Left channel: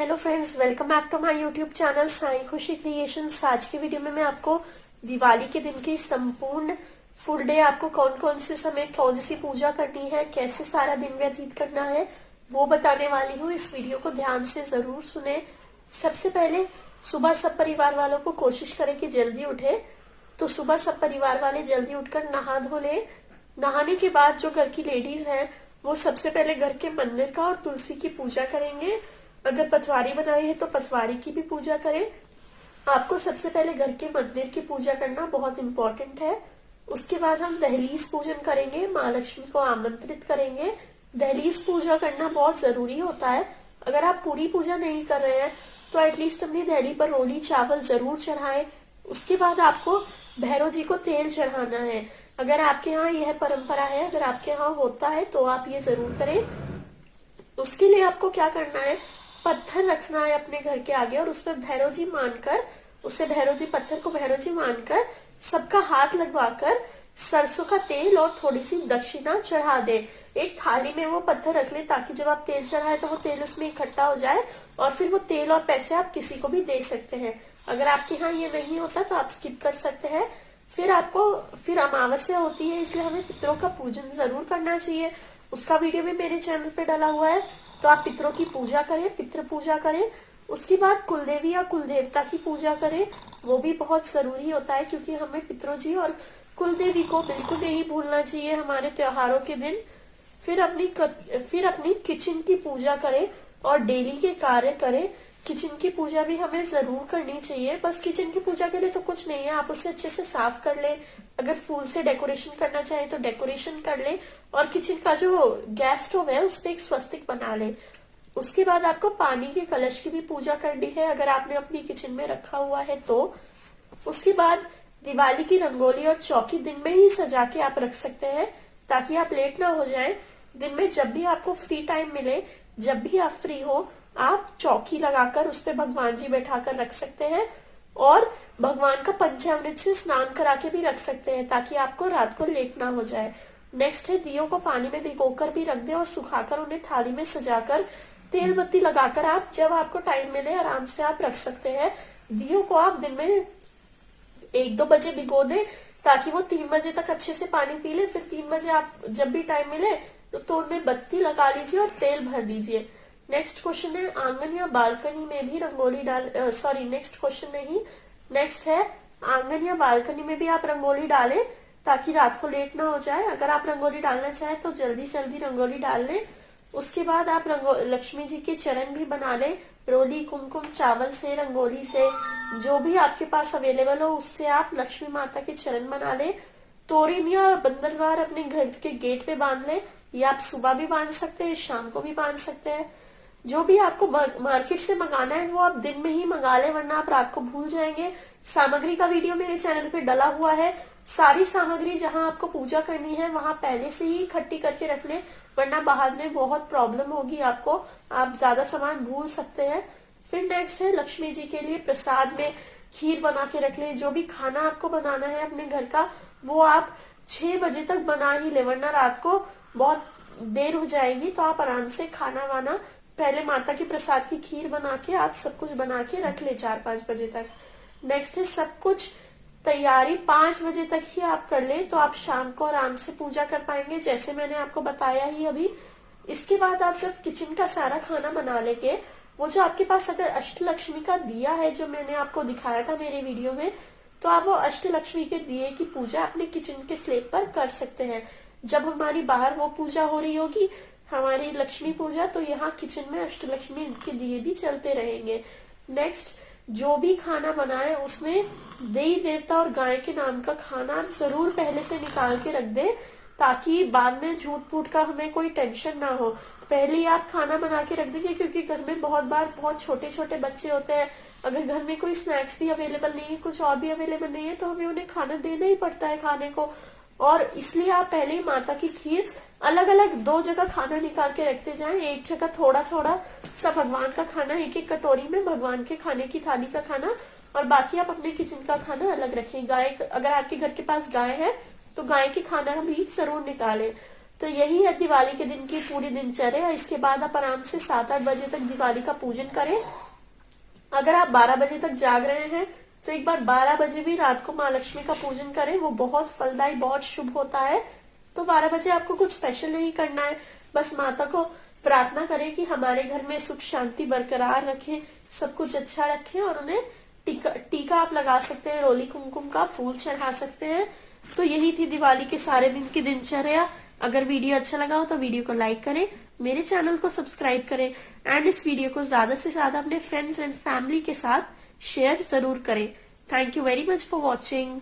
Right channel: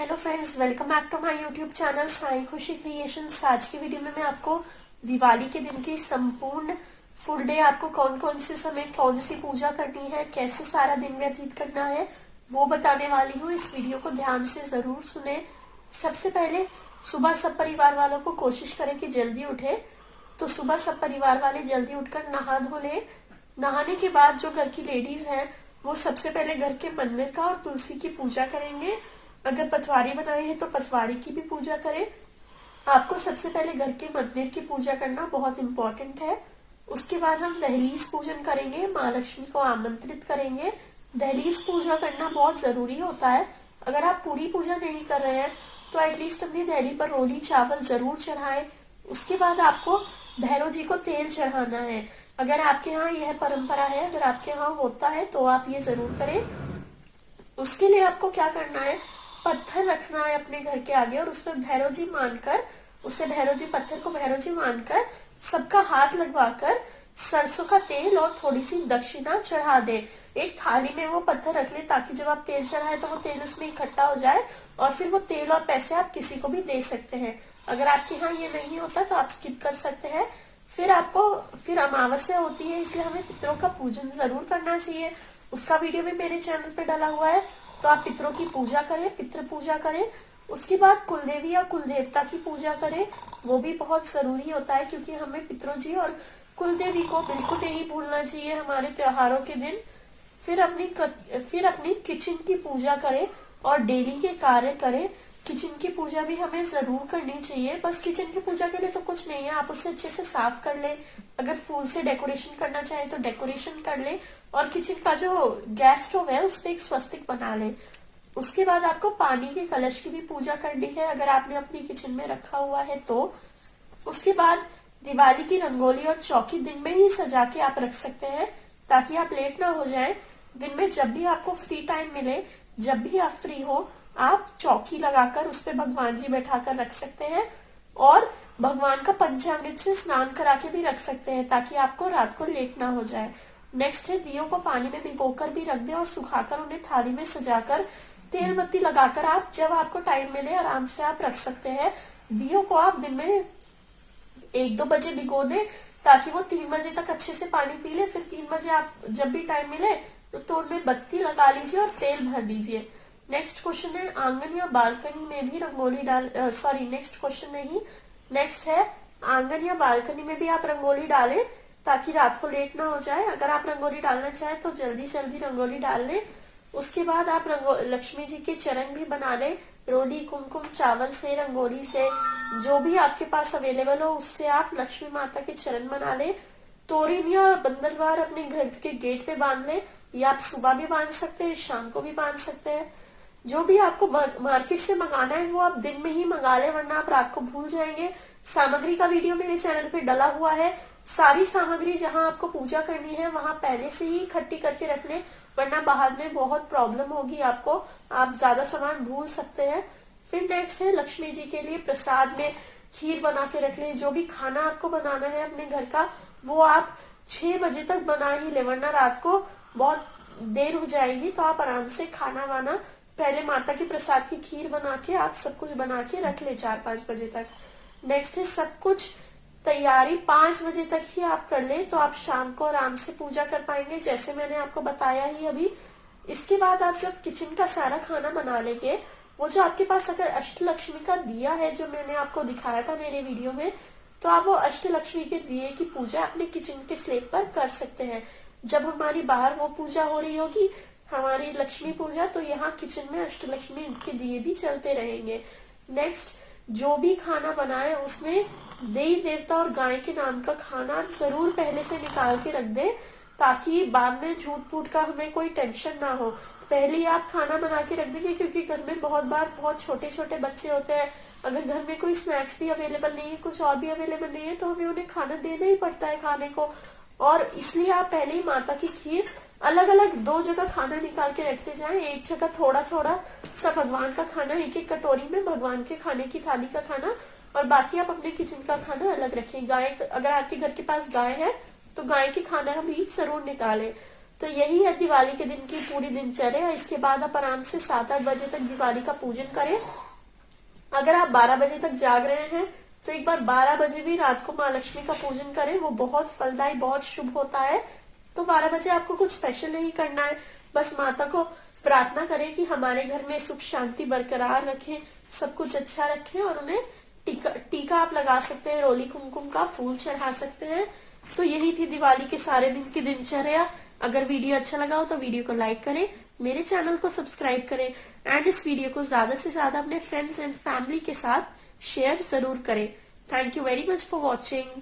Hello friends, welcome back to my YouTube channel Sai Khushi creations. आज की video में मैं आपको दिवाली के दिन की संपूर्ण फुल डे, आपको कौन कौन से समय कौन सी पूजा करनी है, कैसे सारा दिन व्यतीत करना है, वो बताने वाली हूँ। इस वीडियो को ध्यान से जरूर सुने। सबसे पहले सुबह सब परिवार वालों को कोशिश करें कि जल्दी उठे। तो सुबह सब परिवार वाले जल्दी उठकर नहा धो ले। नहाने के बाद जो घर की लेडीज हैं वो सबसे पहले घर के मंदिर का और तुलसी की पूजा करेंगे। अगर पटवारी बनाई है तो पटवारी की भी पूजा करें। आपको सबसे पहले घर के मंदिर की पूजा करना बहुत इम्पोर्टेंट है। उसके बाद हम दहलीज पूजन करेंगे, माँ लक्ष्मी को आमंत्रित करेंगे। दहलीज पूजा करना बहुत जरूरी होता है। अगर आप पूरी पूजा नहीं कर रहे हैं तो एटलीस्ट अपनी दहली पर रोली चावल जरूर चढ़ाएं। उसके बाद आपको भैरव जी को तेल चढ़ाना है। अगर आपके यहाँ यह परंपरा है, अगर आपके यहाँ होता है तो आप ये जरूर करें। उसके लिए आपको क्या करना है, पत्थर रखना है अपने घर के आगे और उस पर भैरव जी मानकर, उससे भैरव जी पत्थर को भैरव जी मानकर सबका हाथ लगवाकर सरसों का तेल और थोड़ी सी दक्षिणा चढ़ा दे। एक थाली में वो पत्थर रख ले ताकि जब आप तेल चढ़ाए तो वो तेल उसमें इकट्ठा हो जाए और फिर वो तेल और पैसे आप किसी को भी दे सकते हैं। अगर आपके यहाँ ये नहीं होता तो आप स्किप कर सकते हैं। फिर अमावस्या होती है, इसलिए हमें पितरों का पूजन जरूर करना चाहिए। उसका वीडियो भी मेरे चैनल पे डाला हुआ है, तो आप पितरों की पूजा करें, पितृ पूजा करें। उसके बाद कुलदेवी या कुल देवता की पूजा करें, वो भी बहुत जरूरी होता है क्योंकि हमें पितरों जी और कुलदेवी को बिल्कुल नहीं भूलना चाहिए हमारे त्योहारों के दिन। फिर अपनी किचन की पूजा करें और डेली के कार्य करें। किचन की पूजा भी हमें जरूर करनी चाहिए। बस किचन की पूजा के लिए तो कुछ नहीं है, आप उसे अच्छे से साफ कर लें। अगर फूल से डेकोरेशन करना चाहे तो डेकोरेशन कर ले और किचन का जो गैस स्टोव है उस पर एक स्वस्तिक बना ले। उसके बाद आपको पानी के कलश की भी पूजा करनी है, अगर आपने अपनी किचन में रखा हुआ है तो। उसके बाद दिवाली की रंगोली और चौकी दिन में ही सजा के आप रख सकते हैं ताकि आप लेट ना हो जाए। दिन में जब भी आपको फ्री टाइम मिले, जब भी आप फ्री हो, आप चौकी लगाकर उस पर भगवान जी बैठाकर रख सकते हैं और भगवान का पंचामृत से स्नान करा के भी रख सकते हैं ताकि आपको रात को लेट ना हो जाए। नेक्स्ट है दियों को पानी में भिगोकर भी रख दे और सुखाकर उन्हें थाली में सजाकर तेल बत्ती लगाकर आप जब आपको टाइम मिले आराम से आप रख सकते हैं। दियों को आप दिन में 1-2 बजे भिगो दे ताकि वो 3 बजे तक अच्छे से पानी पी ले। फिर 3 बजे आप जब भी टाइम मिले तो उनमें बत्ती लगा लीजिए और तेल भर दीजिए। नेक्स्ट क्वेश्चन है आंगन या बालकनी में भी रंगोली नेक्स्ट क्वेश्चन नहीं, नेक्स्ट है आंगन या बालकनी में भी आप रंगोली डालें ताकि रात को लेट ना हो जाए। अगर आप रंगोली डालना चाहें तो जल्दी जल्दी रंगोली डाल लें। उसके बाद आप लक्ष्मी जी के चरण भी बना लें, रोली कुमकुम चावल से, रंगोली से, जो भी आपके पास अवेलेबल हो उससे आप लक्ष्मी माता के चरण बना लें। तोरण या बंदरवार अपने घर के गेट पे बांध लें, या आप सुबह भी बांध सकते हैं, शाम को भी बांध सकते हैं। जो भी आपको मार्केट से मंगाना है वो आप दिन में ही मंगा लें, वरना आप रात को भूल जाएंगे। सामग्री का वीडियो मेरे चैनल पे डला हुआ है। सारी सामग्री जहां आपको पूजा करनी है वहां पहले से ही इकट्ठी करके रख लें, वरना बाहर में बहुत प्रॉब्लम होगी आपको, आप ज्यादा सामान भूल सकते हैं। फिर नेक्स्ट है लक्ष्मी जी के लिए प्रसाद में खीर बना के रख लें। जो भी खाना आपको बनाना है अपने घर का वो आप 6 बजे तक बना ही ले, वरना रात को बहुत देर हो जाएगी। तो आप आराम से खाना वाना पहले माता की प्रसाद की खीर बना के आप सब कुछ बना के रख ले 4-5 बजे तक। नेक्स्ट है सब कुछ तैयारी 5 बजे तक ही आप कर ले तो आप शाम को आराम से पूजा कर पाएंगे, जैसे मैंने आपको बताया ही अभी। इसके बाद आप जब किचन का सारा खाना बना लेंगे, वो जो आपके पास अगर अष्टलक्ष्मी का दिया है जो मैंने आपको दिखाया था मेरे वीडियो में, तो आप वो अष्टलक्ष्मी के दिए की पूजा अपने किचन के स्लैब पर कर सकते हैं। जब हमारी बाहर वो पूजा हो रही होगी, हमारी लक्ष्मी पूजा, तो यहाँ किचन में अष्टलक्ष्मी के दिए भी चलते रहेंगे। नेक्स्ट, जो भी खाना बनाए उसमें देवी देवता और गाय के नाम का खाना जरूर पहले से निकाल के रख दे ताकि बाद में झूठ फूट का हमें कोई टेंशन ना हो। पहले ही आप खाना बना के रख देंगे क्योंकि घर में बहुत बार बहुत छोटे छोटे बच्चे होते हैं। अगर घर में कोई स्नैक्स भी अवेलेबल नहीं है, कुछ और भी अवेलेबल नहीं है, तो हमें उन्हें खाना देना ही पड़ता है खाने को। और इसलिए आप पहले ही माता की खीर अलग अलग 2 जगह खाना निकाल के रखते जाएं। एक जगह थोड़ा थोड़ा सा भगवान का खाना, एक एक कटोरी में भगवान के खाने की थाली का खाना, और बाकी आप अपने किचन का खाना अलग रखें। गाय, अगर आपके घर के पास गाय है तो गाय के खाना भी जरूर निकालें। तो यही है दिवाली के दिन की पूरी दिनचर्या। इसके बाद आप आराम से 7-8 बजे तक दिवाली का पूजन करें। अगर आप 12 बजे तक जाग रहे हैं तो एक बार 12 बजे भी रात को माँ लक्ष्मी का पूजन करें, वो बहुत फलदायी, बहुत शुभ होता है। तो 12 बजे आपको कुछ स्पेशल नहीं करना है, बस माता को प्रार्थना करें कि हमारे घर में सुख शांति बरकरार रखें, सब कुछ अच्छा रखें। और उन्हें टीका आप लगा सकते हैं, रोली कुमकुम का फूल चढ़ा सकते हैं। तो यही थी दिवाली के सारे दिन की दिनचर्या। अगर वीडियो अच्छा लगा हो तो वीडियो को लाइक करें, मेरे चैनल को सब्सक्राइब करें एंड इस वीडियो को ज्यादा से ज्यादा अपने फ्रेंड्स एंड फैमिली के साथ शेयर जरूर करें। Thank you very much for watching.